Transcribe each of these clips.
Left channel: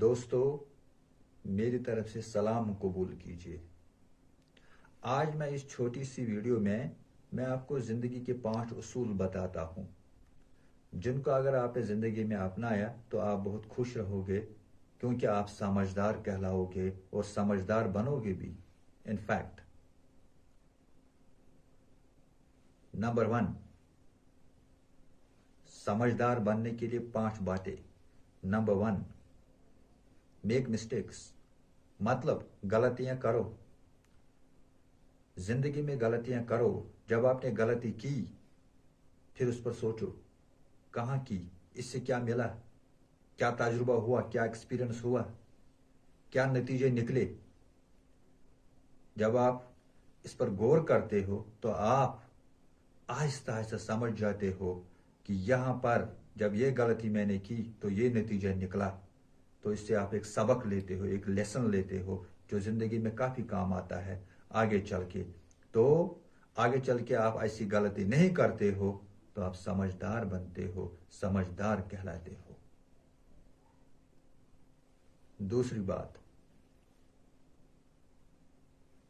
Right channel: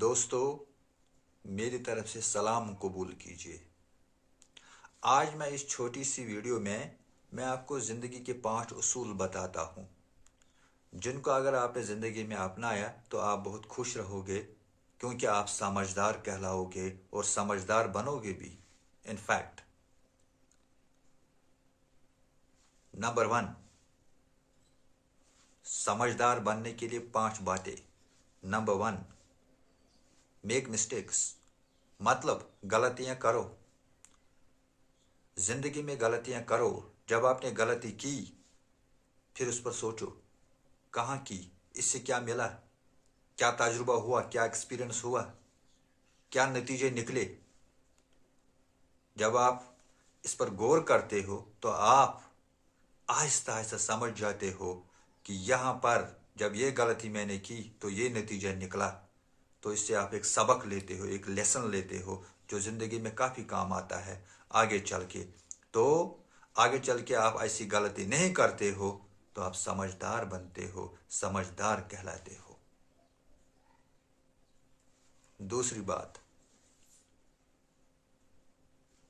دوستو میری طرف سے سلام قبول کیجیے۔ آج میں اس چھوٹی سی ویڈیو میں آپ کو زندگی کے 5 اصول بتاتا ہوں جن کو اگر آپ نے زندگی میں اپنایا تو آپ بہت خوش رہو گے، کیونکہ آپ سمجھدار کہلاؤ گے اور سمجھدار بنو گے بھی۔ ان فیکٹ، نمبر 1، سمجھدار بننے کے لیے 5 باتیں۔ نمبر 1، میک مسٹیکس، مطلب غلطیاں کرو۔ زندگی میں غلطیاں کرو۔ جب آپ نے غلطی کی پھر اس پر سوچو کہاں کی، اس سے کیا ملا، کیا تجربہ ہوا، کیا ایکسپیرئنس ہوا، کیا نتیجے نکلے۔ جب آپ اس پر غور کرتے ہو تو آپ آہستہ آہستہ سمجھ جاتے ہو کہ یہاں پر جب یہ غلطی میں نے کی تو یہ نتیجہ نکلا۔ تو اس سے آپ ایک سبق لیتے ہو، ایک لیسن لیتے ہو جو زندگی میں کافی کام آتا ہے آگے چل کے۔ تو آگے چل کے آپ ایسی غلطی نہیں کرتے ہو تو آپ سمجھدار بنتے ہو، سمجھدار کہلاتے ہو۔ دوسری بات،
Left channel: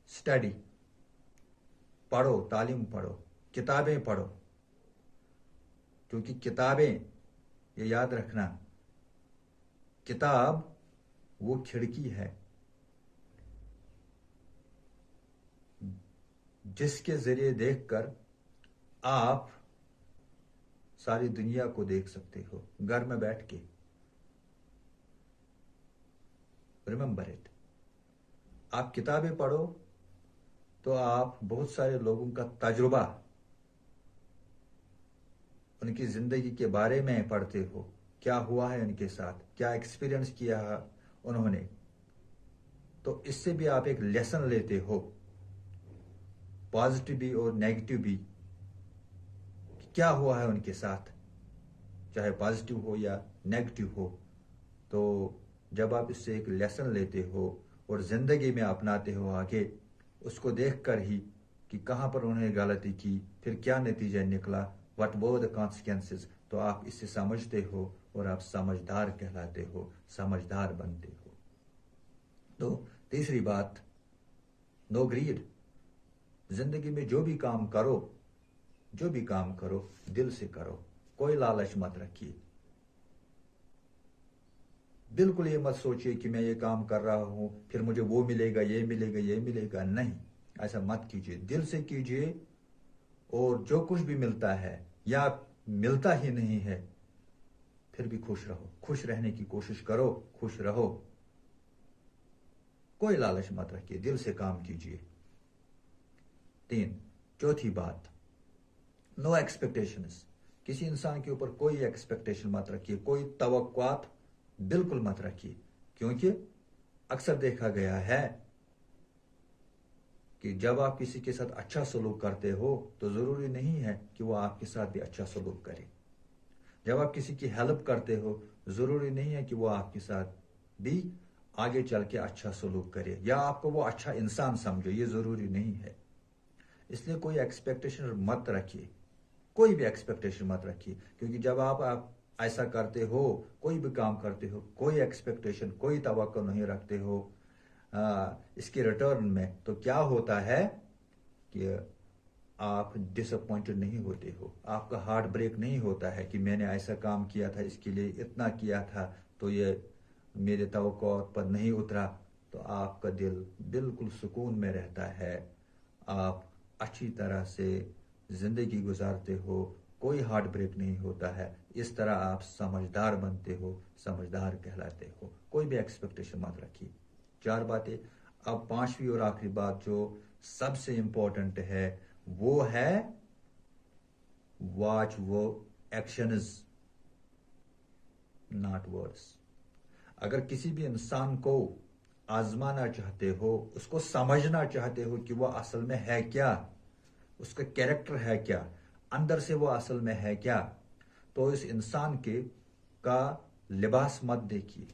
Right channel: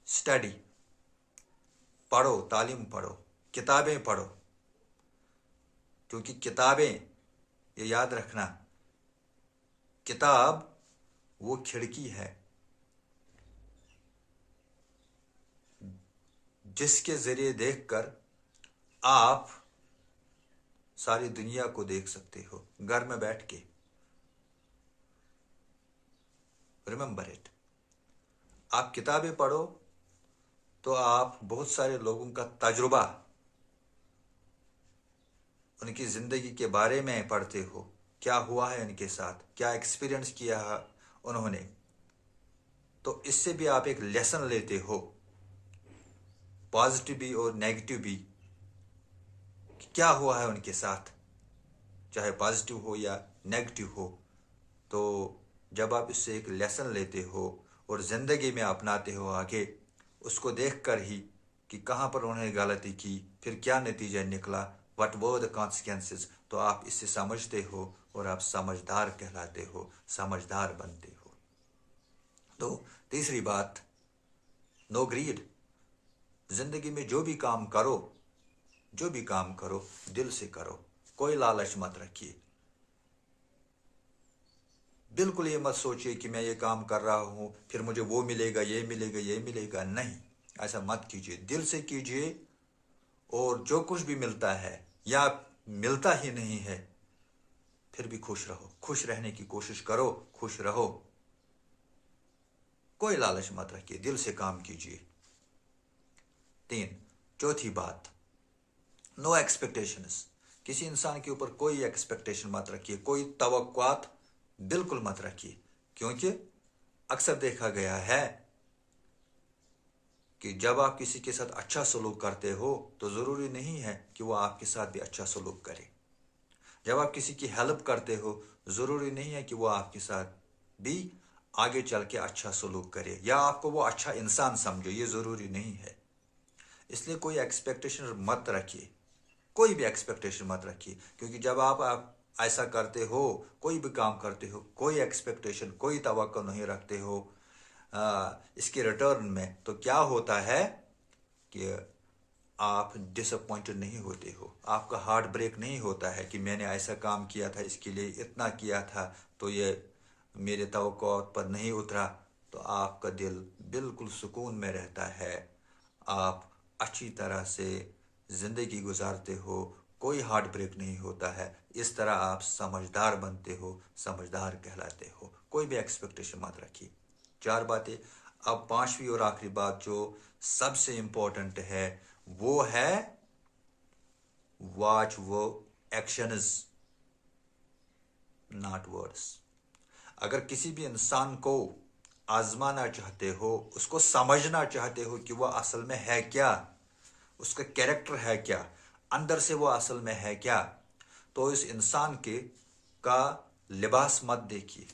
اسٹڈی، پڑھو، تعلیم پڑھو، کتابیں پڑھو، کیونکہ کتابیں، یہ یاد رکھنا، کتاب وہ کھڑکی ہے جس کے ذریعے دیکھ کر آپ ساری دنیا کو دیکھ سکتے ہو گھر میں بیٹھ کے۔ ریممبر اٹ، آپ کتابیں پڑھو تو آپ بہت سارے لوگوں کا تجربہ، ان کی زندگی کے بارے میں پڑھتے ہو، کیا ہوا ہے ان کے ساتھ، کیا ایکسپیرئنس کیا ہے انہوں نے۔ تو اس سے بھی آپ ایک لیسن لیتے ہو، پازیٹیو بھی اور نیگیٹو بھی، کیا ہوا ہے ان کے ساتھ، چاہے پازیٹیو ہو یا نیگیٹو ہو۔ تو جب آپ اس سے ایک لیسن لیتے ہو اور زندگی میں اپناتے ہو آگے، اس کو دیکھ کر ہی کہ کہاں پر انہوں نے غلطی کی، پھر کیا نتیجہ نکلا، what were the consequences، تو آپ اس سے سمجھتے ہو اور آپ سمجھدار کہلاتے ہو، سمجھدار بنتے ہو۔ تو تیسری بات، نو گریڈ۔ زندگی میں جو بھی کام کرو دل سے کرو، کوئی لالچ مت رکھیے۔ بالکل یہ مت سوچیے کہ میں یہ کام کر رہا ہوں پھر مجھے وہ ملے گا، یہ ملے گا، یہ ملے گا، نہیں، ایسا مت کیجیے۔ دل سے کیجیے، اور جو کچھ بھی ملتا ہے یا ملتا ہی نہیں ہے پھر بھی خوش رہو، خوش رہنے کی کوشش کرو، خوش رہو، کوئی لالچ مت رکھیے، دل سے کام کیجیے۔ 3، چوتھی بات، نو ایکسپیکٹیشنز۔ کسی انسان کے اوپر کوئی ایکسپیکٹیشن مت رکھیے، کوئی توقعات بالکل مت رکھیے، کیونکہ اکثر دیکھا گیا ہے کہ جب آپ کسی کے ساتھ اچھا سلوک کرتے ہو تو ضروری نہیں ہے کہ وہ آپ کے ساتھ بھی اچھا سلوک کرے۔ جب آپ کسی کی ہیلپ کرتے ہو ضروری نہیں ہے کہ وہ آپ کے ساتھ بھی آگے چل کے اچھا سلوک کرے یا آپ کو وہ اچھا انسان سمجھے، یہ ضروری نہیں ہے۔ اس لیے کوئی ایکسپیکٹیشن مت رکھیے، کوئی بھی ایکسپیکٹیشن مت رکھیے، کیونکہ جب آپ ایسا کرتے ہو، کوئی بھی کام کرتے ہو، کوئی ایکسپیکٹیشن، کوئی توقع نہیں رکھتے ہو اس کے ریٹرن میں، تو کیا ہوتا ہے کہ آپ ڈس اپوائنٹڈ نہیں ہوتے ہو، آپ کا ہارٹ بریک نہیں ہوتا ہے کہ میں نے ایسا کام کیا تھا، اس کے لیے اتنا کیا تھا تو یہ میرے توقعات پر نہیں اترا۔ تو آپ کا دل بالکل سکون میں رہتا ہے، آپ اچھی طرح سے زندگی گزارتے ہو، کوئی ہارٹ بریک نہیں ہوتا ہے۔ اس طرح آپ سمجھدار بنتے ہو، سمجھدار کہلاتے ہو، کوئی بھی ایکسپیکٹیشن مت رکھیے۔ 4 باتیں۔ اب 5ویں اور آخری بات جو سب سے امپورٹنٹ ہے وہ ہے واچ وہ ایکشنز، ناٹ ورڈز۔ اگر کسی بھی انسان کو آزمانا چاہتے ہو، اس کو سمجھنا چاہتے ہو کہ وہ اصل میں ہے کیا، اس کا کیریکٹر ہے کیا، اندر سے وہ اصل میں ہے کیا، تو اس انسان کا لباس مت دیکھیے،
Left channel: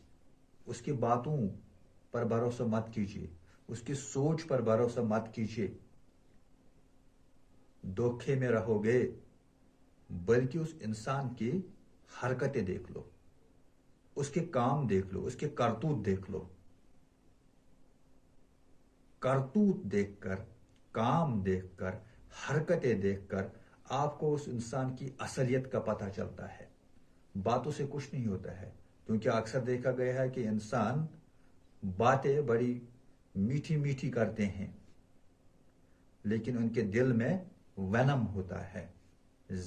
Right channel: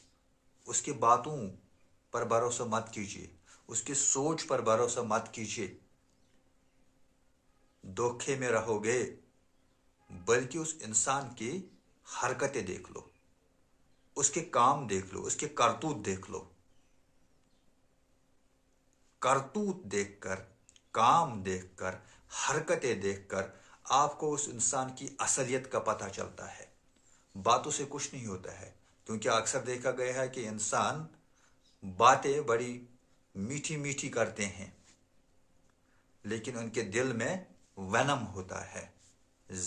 اس کی باتوں پر بھروسہ مت کیجیے، اس کی سوچ پر بھروسہ مت کیجیے، دھوکے میں رہو گے، بلکہ اس انسان کی حرکتیں دیکھ لو، اس کے کام دیکھ لو، اس کے کرتوت دیکھ لو. کرتوت دیکھ کر، کام دیکھ کر، حرکتیں دیکھ کر آپ کو اس انسان کی اصلیت کا پتہ چلتا ہے. باتوں سے کچھ نہیں ہوتا ہے، کیونکہ اکثر دیکھا گیا ہے کہ انسان باتیں بڑی میٹھی میٹھی کرتے ہیں، لیکن ان کے دل میں وینم ہوتا ہے،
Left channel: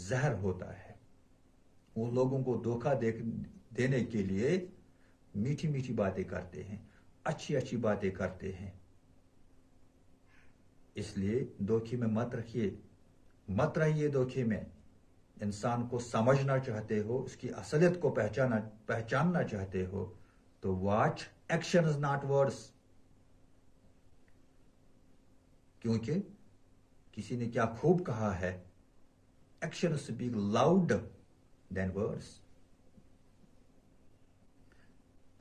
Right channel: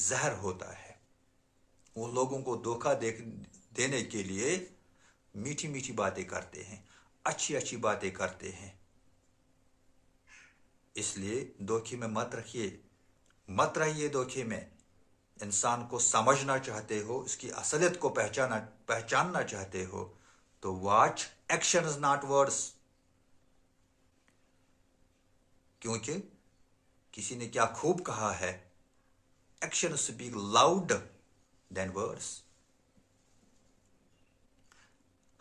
زہر ہوتا ہے. وہ لوگوں کو دھوکہ دینے کے لیے میٹھی میٹھی باتیں کرتے ہیں، اچھی اچھی باتیں کرتے ہیں. اس لیے دھوکے میں مت رہیے دھوکے میں. انسان کو سمجھنا چاہتے ہو، اس کی اصلیت کو پہچاننا چاہتے ہو تو واچ ایکشنز ناٹ ورڈز. کیونکہ کسی نے کیا خوب کہا ہے، ایکشن اسپیک لاؤڈ دین ورڈز.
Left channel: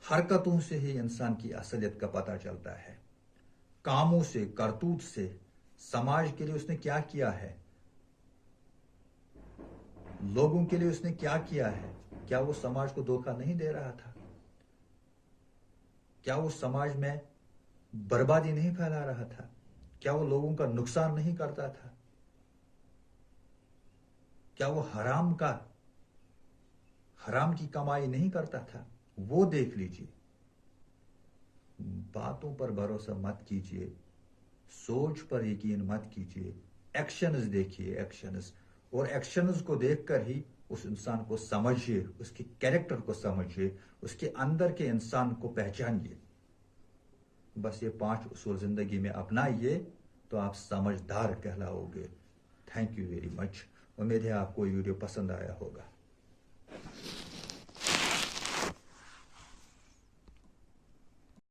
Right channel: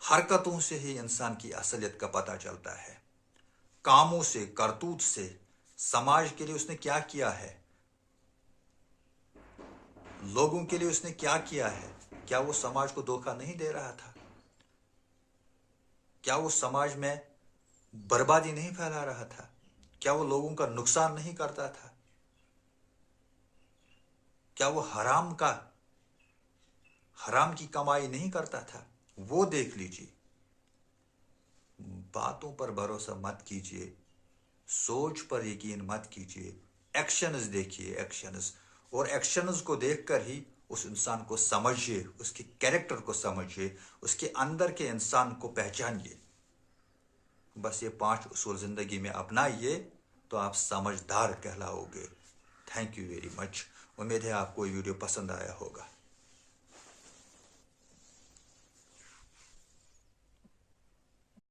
حرکتوں سے ہی انسان کی اصلیت کا پتہ چلتا ہے، کاموں سے، کرتوت سے. سماج کے لیے اس نے کیا کیا ہے، لوگوں کے لیے اس نے کیا کیا ہے. کیا وہ سماج کو دھوکہ نہیں دے رہا تھا؟ کیا وہ سماج میں بربادی نہیں پھیلا رہا تھا؟ کیا وہ لوگوں کا نقصان نہیں کرتا تھا؟ کیا وہ حرام کی کمائی نہیں کرتا تھا؟ وہ دیکھ لیجیے. باتوں پر بھروسہ مت کیجیے، سوچ پر یقین مت کیجیے. ایکشنز دیکھیے، ایکشنز. اور ایکشنز کو دیکھ کر ہی اس انسان کو سمجھیے، اس کے کیریکٹر کو سمجھیے، اس کے اندر کے انسان کو پہچانیے. بس یہ 5 اصول زندگی میں اپنائیے تو آپ سمجھدار کہلاؤ گے. Thank you very much. امید ہے آپ کو یہ ویڈیو پسند آیا ہوگا.